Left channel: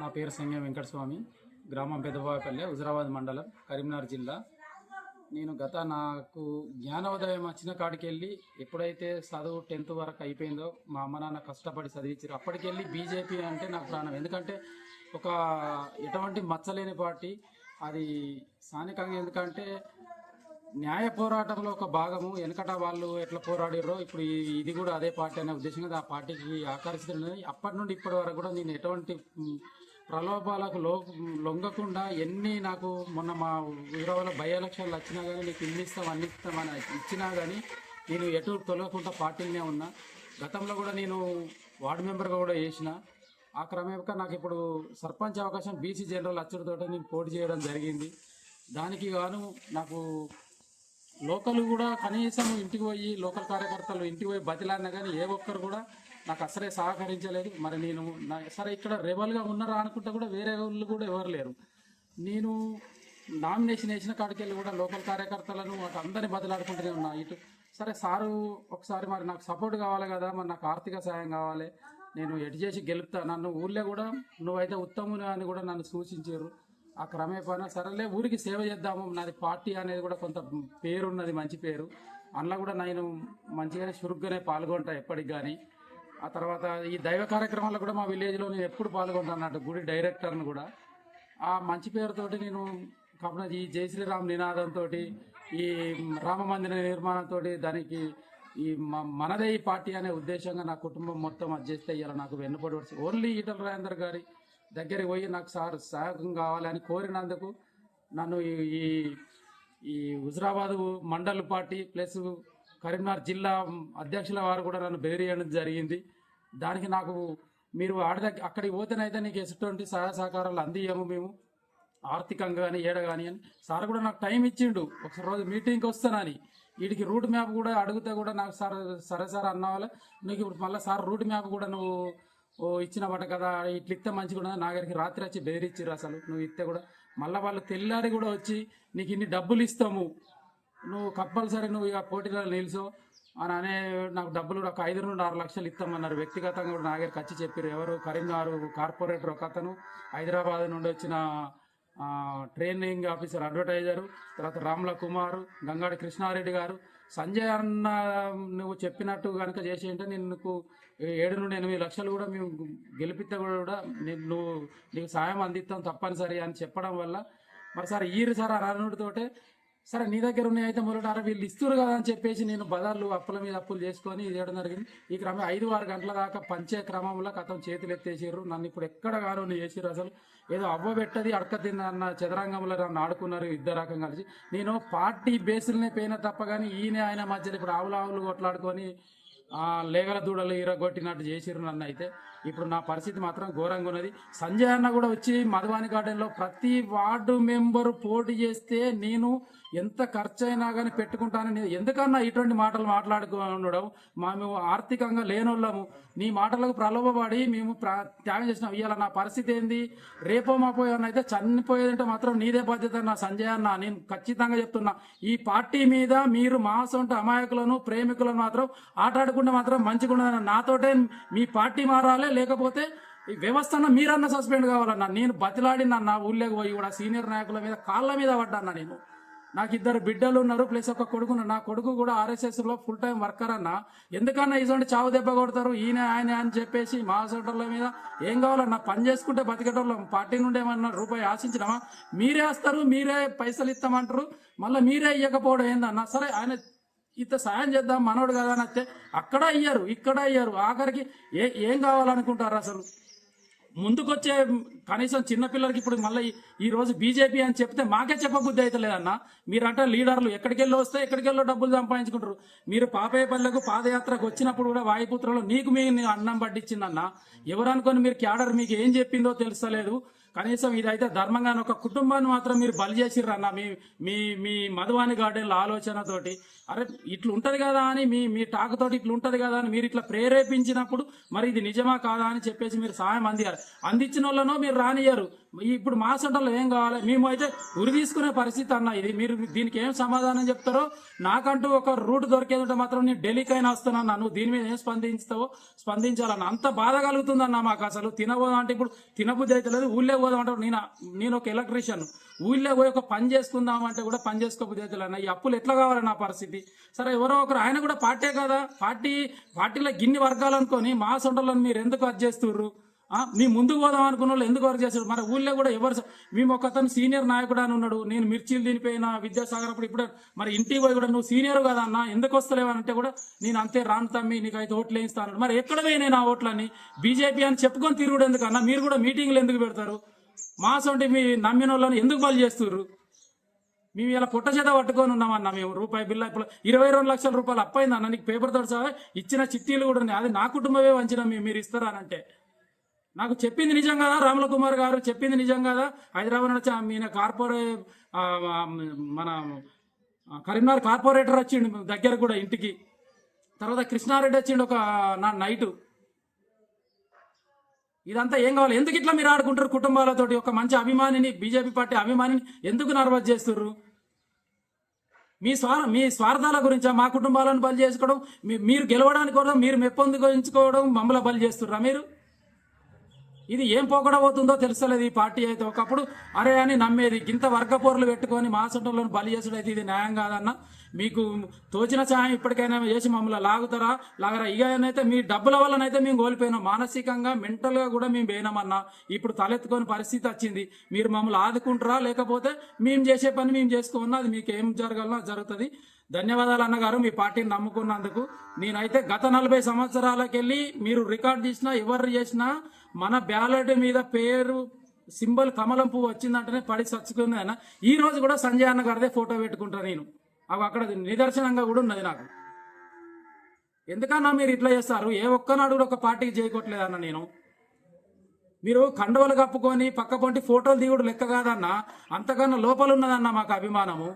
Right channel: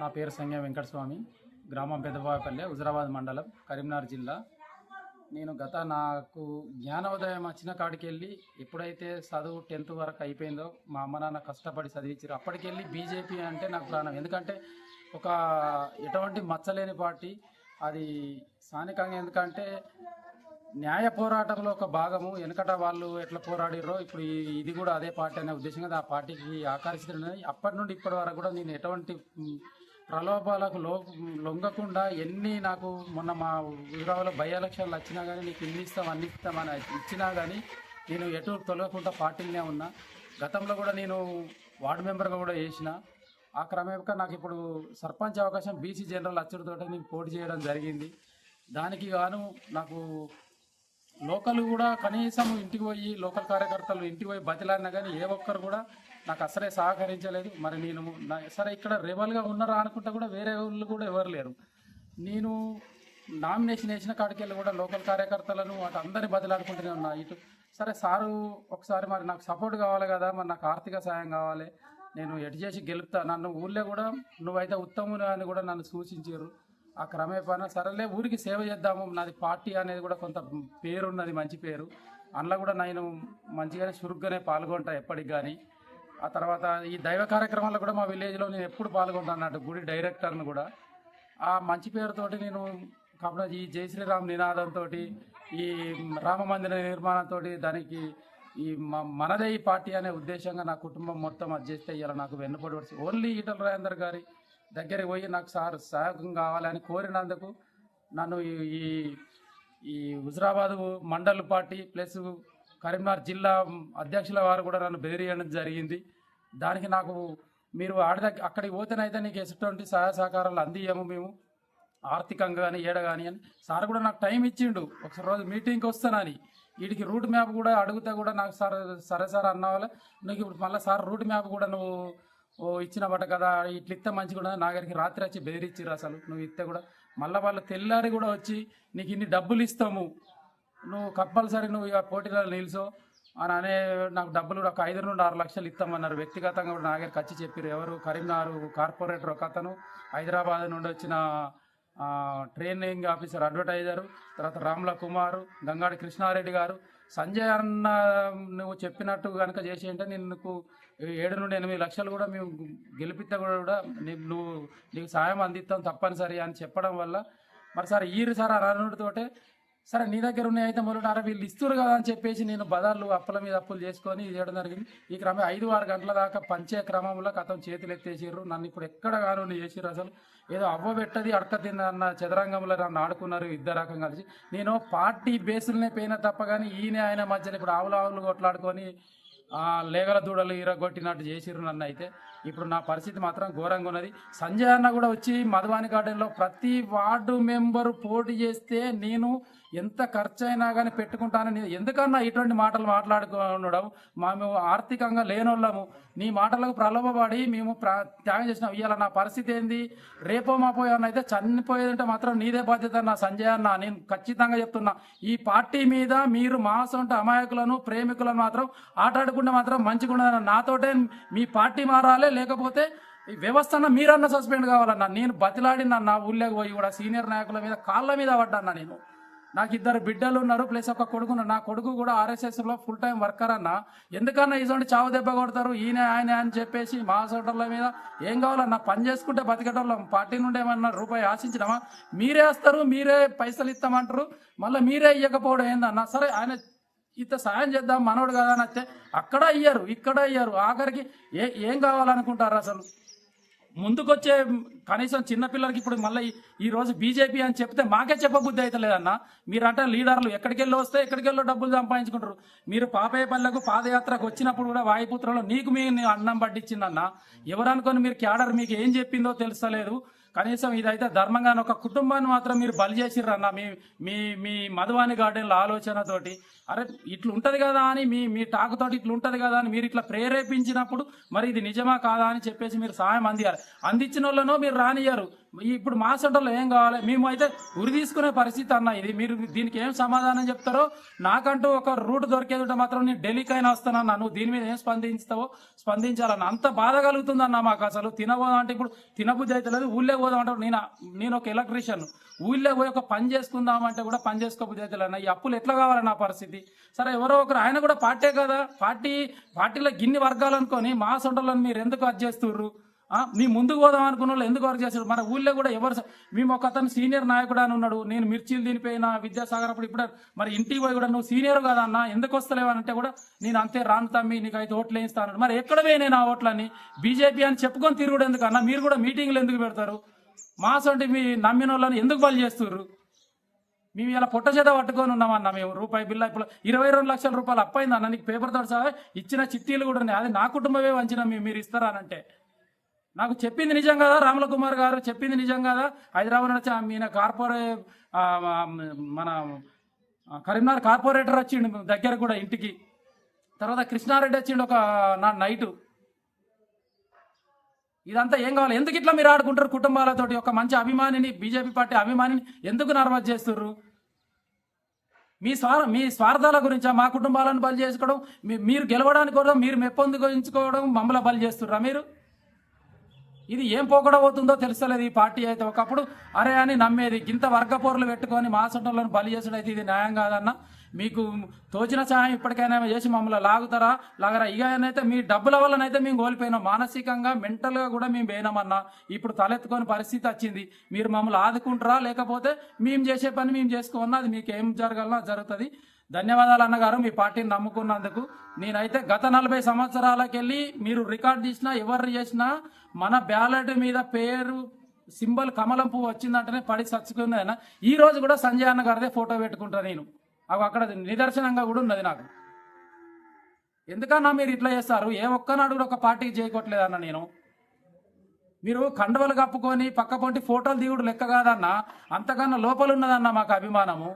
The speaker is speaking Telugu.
నా పేరు సంజ్ఞ వెంకటస్వామి గ్రామం పెద్దబాపల్లె హుజరాబాద్ మండలం కరీంనగర్ జిల్లా నేను గత నాకు జ్ఞానోదయం వచ్చిన కాడికి వెళ్ళి ఎప్పుడైతే చదువు టెన్త్ వరకు అయిపోయిందో మా అమ్మ నాన్న కష్టపడి చదివించారు అప్పటికెళ్ళి బీజేపీ అంటే నాకు ప్రాణం ఎందుకంటే ఒక ఎటువంటి మచ్చలేని పార్టీ అది స్థానికంగా ఎందుకంటే న్యాయ పోరాటంలో ఒక భాగము వెనకట వాళ్ళు ఎట్లా పోరాడారో ఇప్పుడు ఇది కూడా అదే పార్టీ అనే ఉద్దేశంగా ఆ పార్టీకి ఆకర్షితున్నది అప్పటి నుండి ఇప్పటి వరకు కూడా నేను ఎటువంటి ప్రలోభాలకు లో లొంగకుండా ఎన్ని నాకు మొన్న మా ఊరావులో బై ఎలక్షన్లు వచ్చినా కానీ నీకు ఇన్ని ఇస్తాం అన్ని ఇస్తామని ఇచ్చినా కానీ నేను ఎటు తొలగకుండా పార్టీనే ఉన్నా గతంలో కూడా నేను వార్డు మెంబర్గా కూడా చేసిన ఆ క్రమేపక నాకు ఇప్పుడు సర్పంచ్ అవకాశం బీసీ జనరల్ అచ్చుడితో నేను పోటీ చేయడం జరిగింది దానికి గాను నాకు లోకల్ కూడా కనీసం ఇంటికి పోయి లోకల్ కార్యకర్తలు ఇంటికి పోయి బతిలాడినా కానీ ఏ ఒక్కరు కూడా నాకు అసలే సహకరించలేదు మరి నేను నా సరే ఇక్కడ రేవల్గా ఉన్నారా అనుకుంటే కూడా వేరే వాళ్ళు కూడా ఎవరు లేరు నేను నామినేషన్ వేసిన కాడికి వెళ్ళి కూడా లోకల్ కార్యకర్తలను అటు అందరినీ బదిలాడుకుంటూనే ఉన్నా ఇటు సరే సారు ఒకసారి మరి నాకు సపోర్ట్ కావాలి కదా మరి నాకు ఆర్థిక సాయం కావాలి నేను ఎటు చేసి గెలుపుతా నన్ను ఊళ్ళో కూడా నువ్వైతే ఉత్తములు అని కూడా నన్ను సూచించారు ఆ క్రమేపాన సరేలే ఊరికి సేవ చేద్దాము నాది పార్టీ అనేది కూడా కొంత పేరున్నది మంచి పేరు అందులో కూడా నేను మంచిగానే చురుగ్గానే పాల్గొంటా ఎప్పటికి కానీ ఆ తర్వాత ఈ దైవ కార్యక్రమాల్లో కూడా మా విలేజ్లో నేను ఎప్పుడు పాల్గొన్నాను అన్నట్టు గుడి డైరెక్టర్ని కూడా ఆ మంచి పేరుతోటి నేను కాకుండా ఈ జై శ్రీరామ్ నినాదంతో ఈ రామ మందిర నిర్మాణంతో దానికి ఈ మనదే ఈ పార్టీ అనే ఉద్దేశంగా నా కుటుంబం మొత్తం అడ్జస్ట్ చేస్తే నాకు వెన్నుపడి ఓన్లీ ఈటల రాజేందర్ గారి దగ్గరికి పోయి నాకు సార్ సహాయకం కావాలని కోరినందుకు నన్ను ఈ ఈ హుజరాబాదు మండల్ పార్టీ ప్లస్ కరీంనగర్ జిల్లా అధ్యక్షుల వారు కూడా నన్ను బెదిరియడం జరిగింది దానికి నాకు మీరు ఆడ అక్కడికి పోతేనైతే నీకు ఎటువంటి సహాయ సహకారాలు అందియ్యము మేము ఆర్థికంగా కానీ ఏడ కానీ అని సార్ కూడా నాకు టైం ఇచ్చిండు ఒకసారి రోజు మీటింగ్కి వస్తానని వీడికి రూట్ మ్యాప్ కూడా అడిగితే కూడా నాకు సార్ సరే సార్ అన్నవాళ్ళ నీకు ఇప్పుడు మళ్ళీ సార్ రూట్ మ్యాప్ కూడా నువ్వు ఓ ఇచ్చినవట కదా ఇట్లా ఇస్తే మంచిగా నాగరికి రాత్రి వచ్చి బెదిరిచ్చిర్రు అసలు నువ్వు ఇస్తే కూడా మళ్ళీ వాళ్ళు తెల్లారి కూడా వచ్చి నీకు ఇన్ని డబ్బులు ఇస్తాము నువ్వు కంపల్సరీ నువ్వు ఇక పోటీలో నిలుసు అని అనే నాకు డబ్బులు కూడా ఒక ఐదు నుండి ఆరు లక్షలు ఇస్తామన్నారు వ్యక్తిగతంగా కూడా నా దగ్గర ఖర్చు చెప్పారు ఎవరు కరీంనగర్ కార్పొరేటర్ ఒక అతను హైదరాబాద్ నుండి వచ్చిన ట్రైనింగ్ ఆఫీసర్ అడ్వర్టైజరు తర్వాత రామ్ల కుమార్ గంగాడి కృష్ణారెడ్డి గారు సంజయ్ అన్న నువ్వు చెప్పినట్టు కనుక చేసి అంటే నేను నీకు ఏడు నుండి ఎనిమిది లక్షలు కూడా మేము గెలిపితే కూడా నేను నువ్వు నీకు సాయం అందిస్తాం తప్పనిసరి అని చెప్పడం వల్ల మరి సార్ ఈరు సార్ అనడంతోటే సరే నీ దగ్గర ఉన్నాయి అయితే మొదలున్నారా వీళ్ళు ఇస్తారు కదా అని చెప్పేసి నేను బజార్లు అప్పుల మీద అప్పులు చేసుకొని చేయడం జరిగింది ఈ క్రమం ఐదు ఆరు గంటల దాకా పంచే క్రమంలో కథం చేతులు ఎత్తేసారు నన్ను ఇప్పుడు ఎక్కడ కాను చేసిరు అసలు ఏదో అవ్వ పెట్టది అడక తిందన్న చదరంగంలో నన్ను ఆడుకున్నారు ఇద్దరు రకం కలిసి నేను పార్టీ బేసులనే పోయిన తప్ప కానీ ఈయన ఆయన మధ్యలో ఇప్పుడు ఆవులు ఆవులు కొట్లాడుకొని లేగల దూడలు ఇరగొట్టినట్టు చేసిరు నన్ను అయితే ఇప్పుడు నా పరిస్థితి మాత్రం ఘోరంగా ఉన్నది సంజయ్ అన్న కూడా వచ్చి మధువాని గార్డెన్లో ప్రతి వార్డు మెంబరు పోటీ చేస్తే నేను ఎంత ఖర్చు అయినా కానీ పెట్టుకుంటానని ఎందుకన్నా ఇటువంటి మాటలు మా మేము ఆర్థికంగా లేనోళ్ళము నీ మాటలకు ప్రలోభపడి మేము త్యాగం చేసిన ఇవాళ నా పరిస్థితి ఏంది రేపో మాపో అయితే చనిపోయేదంటే మాత్రం నీదే బాధ్యత నా సంజయ్ అన్న నేను ఖచ్చితంగా చెప్తున్నా ఈ పార్టీ మీద మీరు మాసంట అమాయకులను ప్రేమికులను మాత్రం ఆటాడుకుంటే మాత్రం మంచిగా ఉండదన్న నాతోటే మీ పార్టీ మారాలే లేకపోతే ఈ వ్యవస్థన మీరన్నా సస్పెండ్ కావాలన్నా నేను బతిలాడినన్నా ఊళ్ళోకి పోయి కూడా సీనియర్ నాయకుల మీద కాళ్ళ మీద పడ్డాన్నా నేను నాకు ఇద్దరు బిడ్డలు ఉన్నారు ప్లస్ ఒక కొడుకు నా కొడుకు కూడా ఆర్ఎస్ఎస్లో ఫుల్ టైం వర్కర్ అన్న ఎందుకన్నా ఇటువంటి చావు దెబ్బ కొడతారు ఈయన ఆయన అని చెప్పేసి మా సోటర్ల మీద ఏం కావాలన్నా పని చేసుకుంటే బతికేటోళ్ళం పార్టీ నుండి ఏమన్నా రూపాయి ఆశించడమా మీరే వస్తారు మీరే పైసలు ఇస్తామంటారు మళ్ళీ మీరే ఇవ్వకపోవడం ఏందన్నా సరే ఆయన ఇంత సాయం చేద్దాం మనోడు కదా అని అక్కడ అయ్యారు ఇక్కడ అయ్యారు ఆఖరికి ఏ ఏం కావాలనుకుంటారు అసలు ముందుకొచ్చే కనీసం చిన్నపిల్లలకి ఇప్పుడు మళ్ళీ ఈ రోజు బీజేపీ అని చెప్తే మాకే చెప్పబుద్ధి అయితే లేదన్న మీరంటే లీడర్లు ఎక్కడికెళ్ళి వస్తే ఎక్కడికెళ్ళో డబ్బులు సంపాదించుకుంటారు మీరు పాపేపల్లెకు పాదయాత్రకు వచ్చినప్పుడు కూడా వాయుపుత్రలో నీకు మీ అన్నం పట్టించిందన్న ఎవరనుకొని మీరు క్యాడర్ మీకు ఏం చెప్పిందో తెలుస్తలేదు కనీసం ఇదైతే ధర్మంగా ఒక కుటుంబాన్ని మాత్రం మీరు బలి చేసిర్రు అన్న మీ మీ మీ మధువాని గార్డెన్ల ఆలోచనతోటి అరే ఇట్లు ఉంటుంది కదా అని మీ మీ టాకుతోటి ఇట్లా ఉంటుంది కదా అని మీరు ఇట్లా ప్రేరేపించినప్పుడు మరి ఇది నిజమా కాదా అని చెప్పేసి మీరు సాయం అందియారు అందించిన వాళ్ళనో మీరు రానియ్యారు ఇప్పుడు మా సెంటర్లో ఏం కావాలి మేము అయితే ఉరి తీసుకునే పరిస్థితి అన్న ఇది మీరు దీనికి ఏం సమాధానం చెప్తారో నాకంటూ ఒక రూట్ దొరికేదంటే మాత్రం నేను ఢిల్లీకైనా వస్తానన్నా నువ్వు దీని మీద ఏం స్పందిస్తావో స్పందించాలన్న అంత బాధ కలుగుతుందన్న మాకు అసలు తినబోదాం అంటే ఇప్పుడు తినబుద్ధి అయితే లేదు ఊళ్ళే పోదాం అంటారు నేను నేను ఒక ఎలక్ట్రీషియన్ ఊళ్ళో పోయి ఒక పని చేసుకుందామంటే కూడా పని చేసుకోబుద్ధి అయితే అన్న ఈ అప్పులు ఎట్లా కావాలి నా పరిస్థితి సరే ఎవరో ఒకరు ఆయన కూడా పార్టీ కదా పార్టీ పార్టీలో గిన్ని వర్గాలనుకొని మా సొంటలను మీరు ఎందుకు అది చేస్తుర్రు మీ ముందుకు పోదాం అనుకున్న వాళ్ళు ఎందుకు వర్క్ చేస్తారు మన ఊళ్ళో కూడా ఎవరు మేము ఒక అతను సీనియర్ నాయకుడు అని ఉన్నాడు నేను మిర్చిలు దినిపోయిన విద్యాసాగర్ అప్పుడు ఇప్పుడు మరి ఇంటికి పోయి కూడా నువ్వు సీనియర్ కదా అన్న ఎందుకు వస్తలేవనంటే కూడా నేను అంతే రాను తమ్మి నీకు అయితే ఓట్లు వేయిస్తాను మరి ఎక్కడ పోయినాయి నా ఓట్లని బీజేపీ అని చెప్పుకొని తిరుగుడు ఎందుకన్నా మీరు కూడా మీటింగ్లు ఎందుకు పెడతారు మాసంటి మీ నమ్మిన వాళ్ళని ఎందుకు బలి చేస్తున్నారు మేము ఇలా పొట్ట చేత పట్టుకొని ఉన్నామన్నా మేము రూపాయి బిల్లు ఇప్పుడు ఇరవై రెండు లక్షల రూపాయలు అప్పైందన్న నీకు పేపర్తో సహా ఇచ్చిన చిట్టీలు కూడా ఉన్నాయి అది నా కుటుంబమే వంచిన మీరు అంటే నాకు చెప్పింది నిజం కదా రాముల కుమార్ గారు చెప్పింది నిజం కదా హైదరాబాద్ నుంచి ఈయన కార్పొరే మన కరీంనగర్ కార్పొరేటర్ వచ్చిండు దగ్గర కూడా ఇంటికి తర్వాత కృష్ణారెడ్డి వచ్చిండు ఒక నా నైటు ఇదంతా ఏం కావాలి ఎందుకు ఇట్లా మీరు ఆడుకుంటారు కుటుంబాలతోటి ఒక మంచి అభిమానిని బీజేపీ పార్టీ అభిమానిని ఎందుకు నర్వస్ చేస్తుర్రు మీ స్వార్ మీ స్వార్థాల గురించా మా కుటుంబాలను బలి చేసుకోవడం మీరు గెలవడానికి మీరు మెప్పొందుకోవడం మమ్మల్ని బలి చేస్తుర్రా మీరు ఇది ఏం పోకడవుతుందో తెలుస్తలేదు ఈ పార్టీ అయితే ఒకప్పుడు అరే అని నమ్మేది ఇంత పోర్లు పెట్టుకొని మాసంటలను బలి చేసుడైతే ఇది న్యాయం కాదన్న మీకు తోచిన సహాయం ఇప్పటికైనా చేసి మమ్మల్ని లాగుతారా లాగరా ఇయనైతే మీ డబ్బుల వల్లనైతే మేము కోల్పోయినాం మానసికంగా మెంటల్గా కూడా మేము పోయినామన్నా ఇప్పుడు తలెత్తుకొని పరిస్థితి వచ్చింది మీరు మమ్మల్ని ఆదుకుంటారా లేకపోతే మేము చేసే పని మేము చేసుకోమన్నా అది మీకు ఏం జరగాలన్నా జరుగుతుంది ధన్యవాదాలు అన్నగారు మీ పార్టీని నమ్ముకున్నందుకు నేనైతే గత నలభై సంవత్సరాలకెళ్ళి మీరు రికార్డ్ చేసినా ఎవరు చేసినా మన బ్యాలెట్ మీద పేరు సింబల్ కమలం పువ్వు వచ్చిందంటేనే పడి చచ్చుకుంది అయినా ఈ రోజు కూడా సంజయ్ అన్న గారిదే ఫోటో పెట్టుకుంటా నేను అవి అక్కడ నిదర్శనంగా కూడా ఉన్నది నాకు ఎందుకన్నా మీరు ఇట్లా చేస్తారు ఏ ఒక్కనాడు కూడా ఒక పార్టీకి అన్న నేను మీరు కండవలు కప్పుకొని పక్క పొంటి ఫోటోలు దిగుడు లెక్క కాదన్నా అంతకన్నా లోపల మాకు అభిమానము